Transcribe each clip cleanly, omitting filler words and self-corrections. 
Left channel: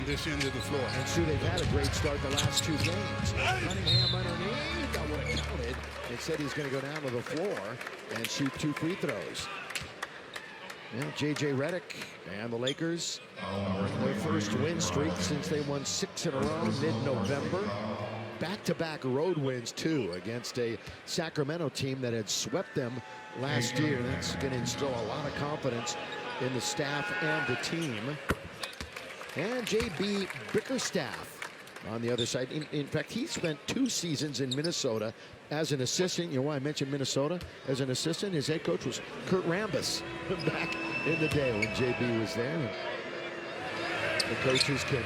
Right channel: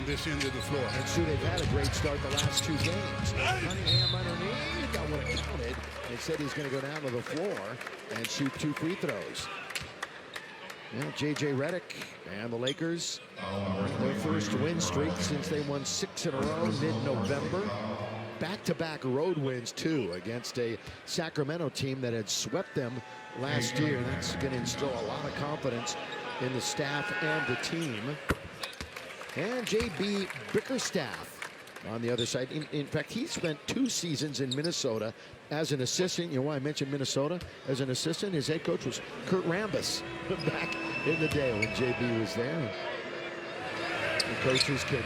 this end of the floor. And Sue, they've had a great start the last 2 games. Cunningham underneath, that would have counted. Instead, he's going to go down to the floor and shoot 2 free throws. Now, J.J. Redick and the Lakers are in their first win streak since they won 6 in a row mid-November. Back-to-back road wins, too, against a Sacramento team that had swept them last year. That's going to instill a lot of confidence in the staff and the team. And J.B. Bickerstaff on the other side. In fact, he spent 2 seasons in Minnesota as an assistant. You know why I mentioned Minnesota as an assistant? His head coach was Kurt Rambis back in the day when J.B. was there. The coaches can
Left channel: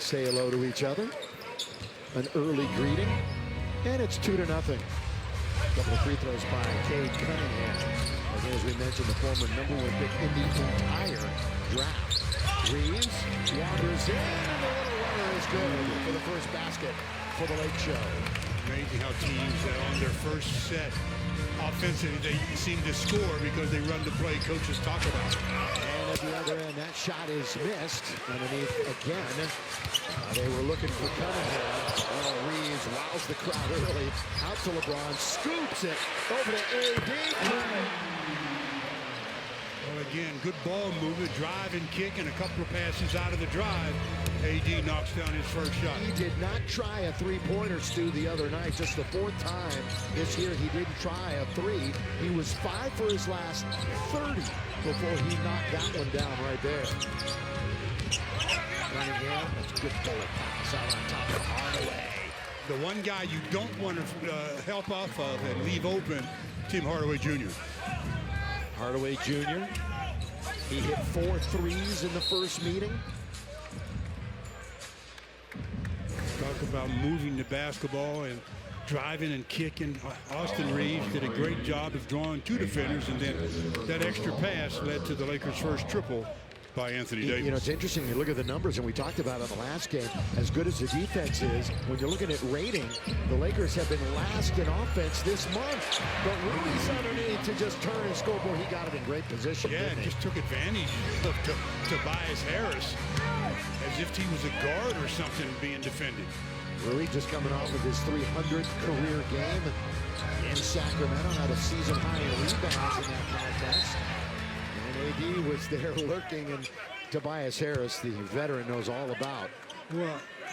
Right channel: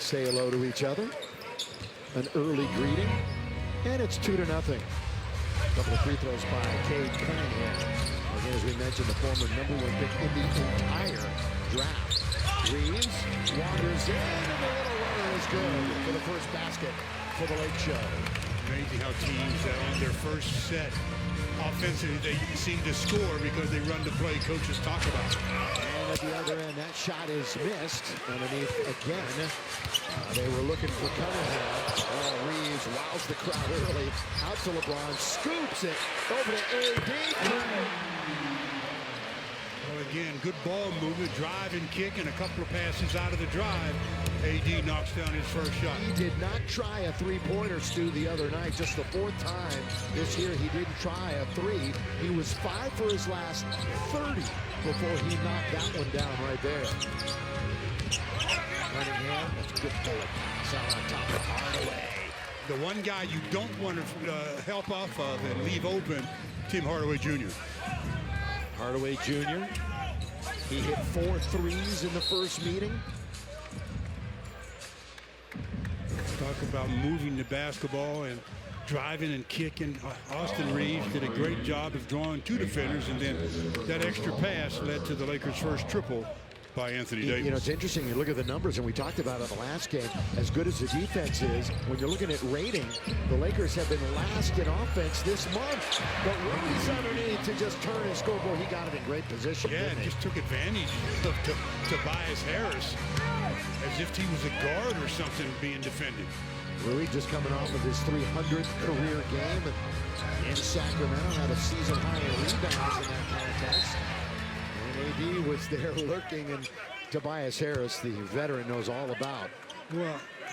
say hello to each other. An early greeting. And it's 2-0. A couple of free throws by Cade Cunningham. Again, as we mentioned, the former #1 pick in the entire draft. Reeves wanders in, and the little runner is good for the first basket for the Lake Show. Amazing how teams on their first set offensively, they seem to score because they run the play coaches talk about. And at the other end, that shot is missed. Underneath again. They were looking for Cunningham. Oh, Reeves wows the crowd early. Out to LeBron, scoops it over to A.D. Well, again, good ball movement, drive and kick, and a couple of passes out of the drive. A.D. knocks down his first shot. He did not try a 3-pointer, Stu, the other night. Just the 4th time this year he didn't try a 3. He was 5 for his last 30 before he knocked that one down right there. Cunningham, that's a good bullet pass out on top of Hardaway. The one guy you don't want to help off of and leave open, Tim Hardaway Jr. Hardaway Jr. He hit 4 threes in the first meeting. Talk about moving the basketball and driving and kicking. Austin Reeves did a great job of drawing 2 defenders, and then that extra pass led to the Lakers' first triple by Anthony Davis. You know, it's interesting. You look at the numbers, and we talked about it in the last game. As good as the defense is, when you're looking at rating, the Lakers have been last in offense this month. But Rui's underneath to just turn and score. Boy, he got it in great position. Yeah, and just took advantage of Tobias Harris as if he was a guard or something being defended. Rui just coming off of his 300th career game in Sacramento. Had a season high in rebounds in that contest. And A.D. was there lurking, and Tobias Harris, the veteran, knows all about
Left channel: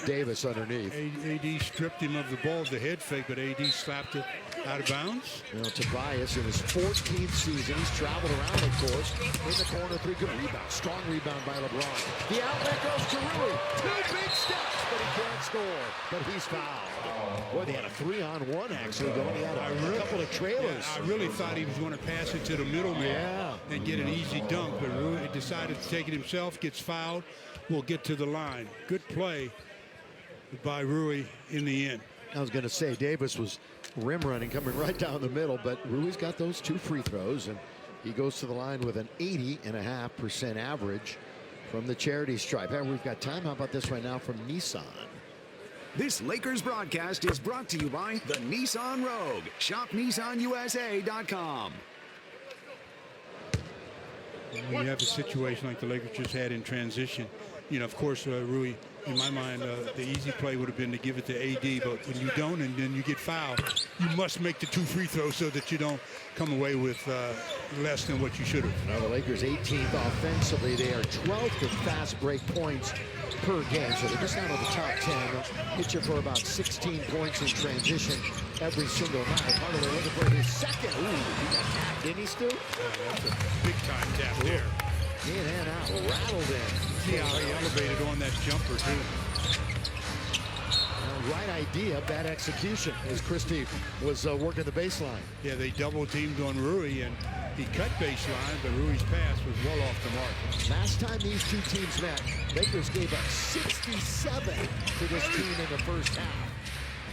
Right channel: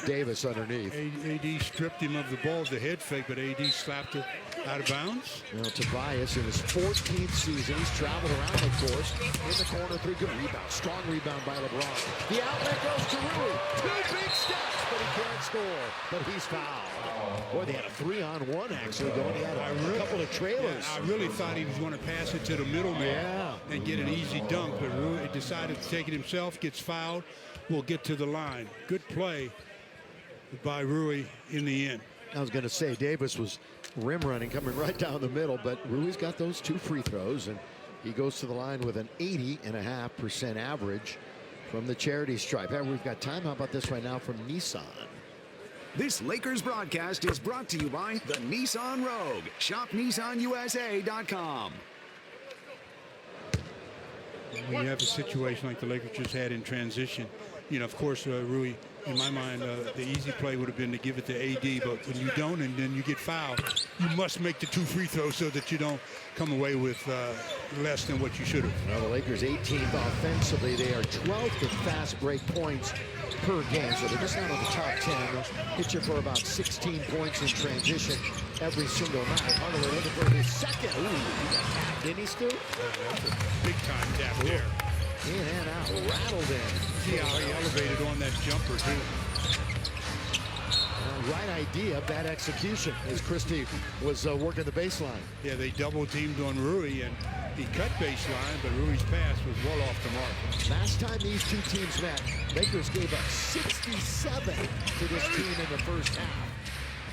Davis underneath. A.D. stripped him of the ball, the head fake, but A.D. slapped it out of bounds. You know, Tobias in his 14th season, he's traveled around, of course. In the corner, 3 good rebounds. Strong rebound by LeBron. The outlet goes to Rui. 2 big steps, but he can't score. But he's fouled. Boy, they had a 3-on-1 actually going. He had a couple of trailers. Yeah, I really thought he was going to pass it to the middleman and get an easy dunk, but Rui decided to take it himself, gets fouled, will get to the line. Good play by Rui in the end. I was going to say, Davis was rim running, coming right down the middle, but Rui's got those 2 free throws, and he goes to the line with an 80.5% average from the charity stripe. Hey, we've got time. How about this right now from Nissan? This Lakers broadcast is brought to you by the Nissan Rogue. Shop NissanUSA.com. When you have a situation like the Lakers just had in transition, you know, of course, Rui, in my mind, the easy play would have been to give it to A.D., but when you don't and then you get fouled, you must make the 2 free throws so that you don't come away with less than what you should have. Now the Lakers 18th offensively. They are 12th in fast break points per game, so they're just not on the top 10. They'll hit you for about 16 points in transition every single night. Hardaway looking for his second. Ooh, he got tapped, didn't he, Stu? Yeah, that's a big-time tap there. In and out, rattled in. See how he elevated on that jumper, too. Well, right idea, bad execution, as Christie was working the baseline. Yeah, they double-teamed on Rui, and he cut baseline, but Rui's pass was well off the mark. Last time these 2 teams met, Lakers gave up 67 to this team in the first half.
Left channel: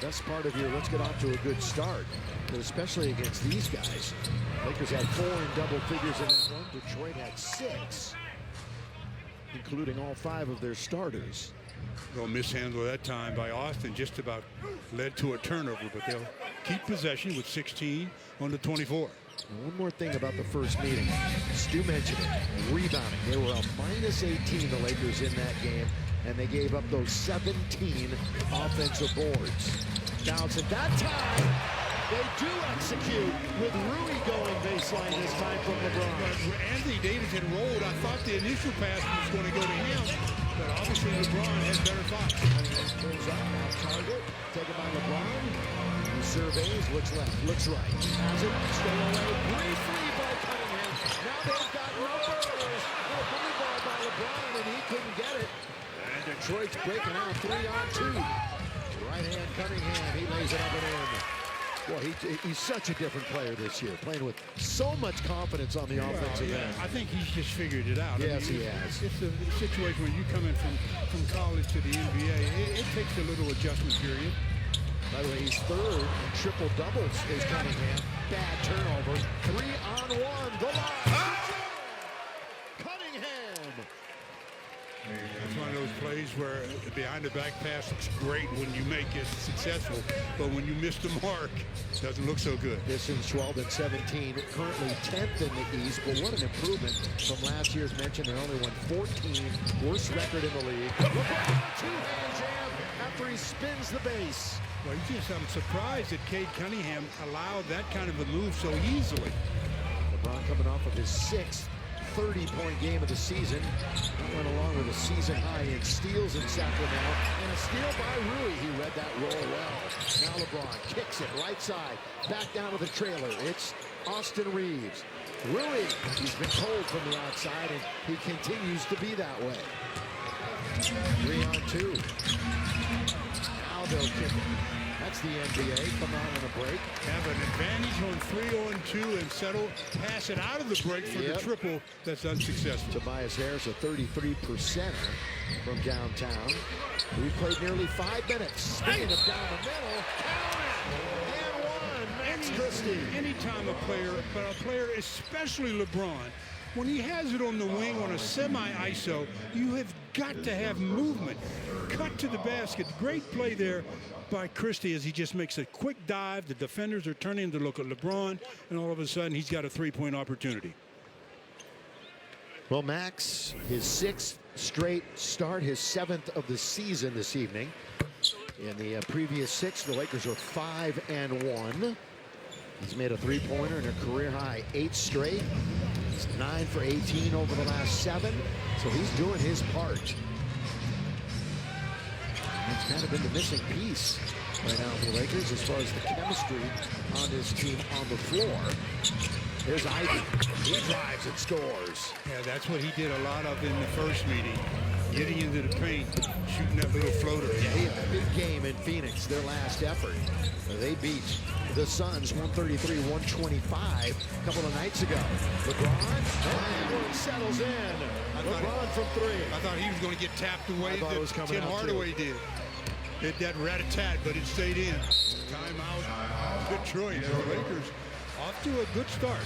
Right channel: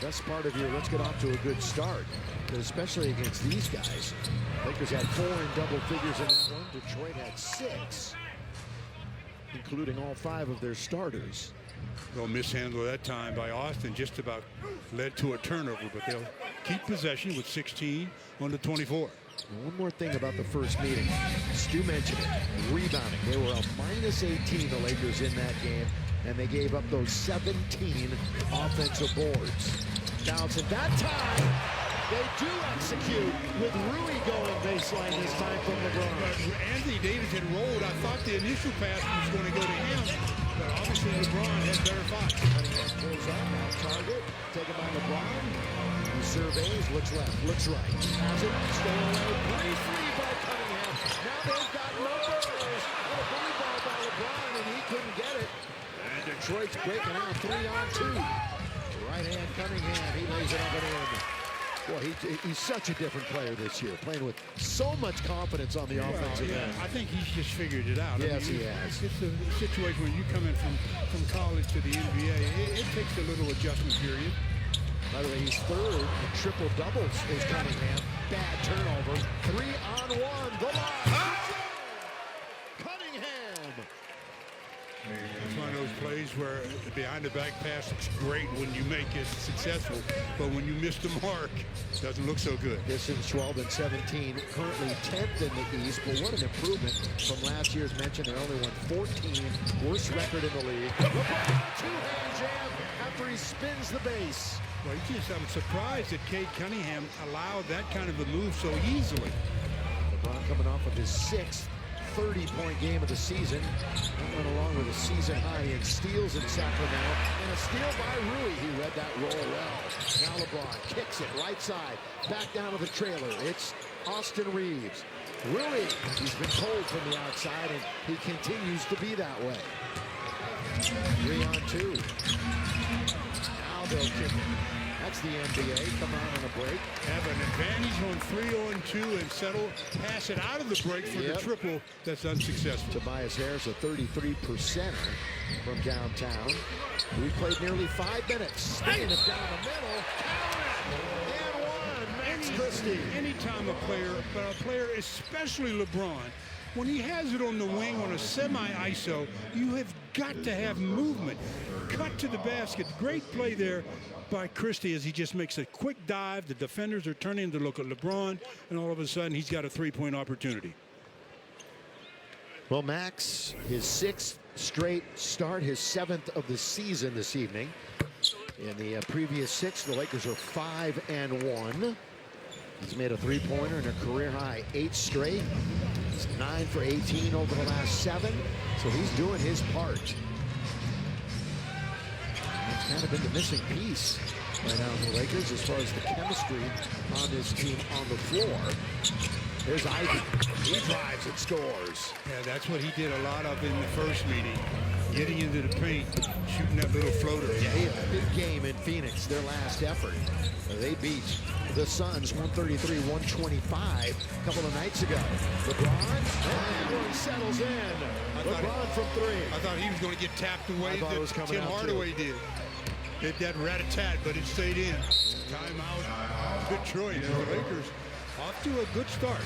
Best part of your let's get off to a good start, but especially against these guys. Lakers had 4 in double figures in that one. Detroit had 6, including all 5 of their starters. Well, mishandle that time by Austin just about led to a turnover, but they'll keep possession with 16 on the 24. And one more thing about the first meeting. Stu mentioned it, rebounding. They were a -18, the Lakers, in that game, and they gave up those 17 offensive boards. Johnson, that time, they do execute with Rui going baseline this time from LeBron. But Anthony Davis had rolled. I thought the initial pass was going to go to him, but obviously LeBron had better thoughts. Cunningham pulls up, off target, taken by LeBron. He surveys, looks left, looks right. Has it, stolen away briefly by Cunningham. Now they've got numbers. Little bully ball by LeBron, and he couldn't get it. And Detroit's breaking out 3-on-2. Right hand Cunningham, he lays it up and in. Boy, he's such a different player this year, playing with so much confidence on the offensive end. I think he's just figured it out. Yes, he has. It's a situation when you come in from college to the NBA, it takes a little adjustment period. By the way, he's third in triple doubles is Cunningham. Bad turnover. 3-on-1. The line. Cunningham. It's one of those plays where the behind the back pass looks great when you make it successful, but when you miss the mark, it doesn't look so good. Pistons 12-17, currently 10th in the East, but what an improvement from last year's mention. They only won 14, worst record in the league. LeBron, two-hand jam after he spins the base. Well, I'm surprised that Cade Cunningham allowed that kind of a move so easily. LeBron coming off of his 6th 30-point game of the season. That went along with a season high in steals in Sacramento, and a steal by Rui. He read that roll well. Now LeBron kicks it right side, back down to the trailer. It's Austin Reeves. Rui, he's been cold from the outside, and he continues to be that way. 3-on-2. Now they'll kick it. That's the NBA. Come out on a break. Have an advantage on 3-on-2 and settle, pass it out of the break for the triple. That's unsuccessful. Tobias Harris, a 33%er from downtown. We played nearly 5 minutes. Spinning it down the middle. Count it! And one. Max Christie. Anytime a player, but a player, especially LeBron, when he has it on the wing on a semi-ISO, you have got to have movement. Cut to the basket. Great play there by Christie as he just makes a quick dive. The defenders are turning to look at LeBron, and all of a sudden he's got a 3-point opportunity. Well, Max, his 6th straight start, his 7th of the season this evening. In the previous 6, the Lakers are 5-1. He's made a 3-pointer and a career high 8 straight. He's 9 for 18 over the last 7, so he's doing his part. It's kind of been the missing piece right now for the Lakers as far as the chemistry on this team on the floor. There's Ivy. He drives and scores. Yeah, that's what he did a lot of in the first meeting. Getting into the paint, shooting that little floater. Yeah, he had a big game in Phoenix, their last effort. They beat the Suns 133-125 a couple of nights ago. LeBron, that one settles in. LeBron from 3. I thought he was going to get tapped away. It was coming Tim out Hardaway did. Hit that rat-a-tat, but it stayed in. Timeout, Detroit, as the Lakers off to a good start.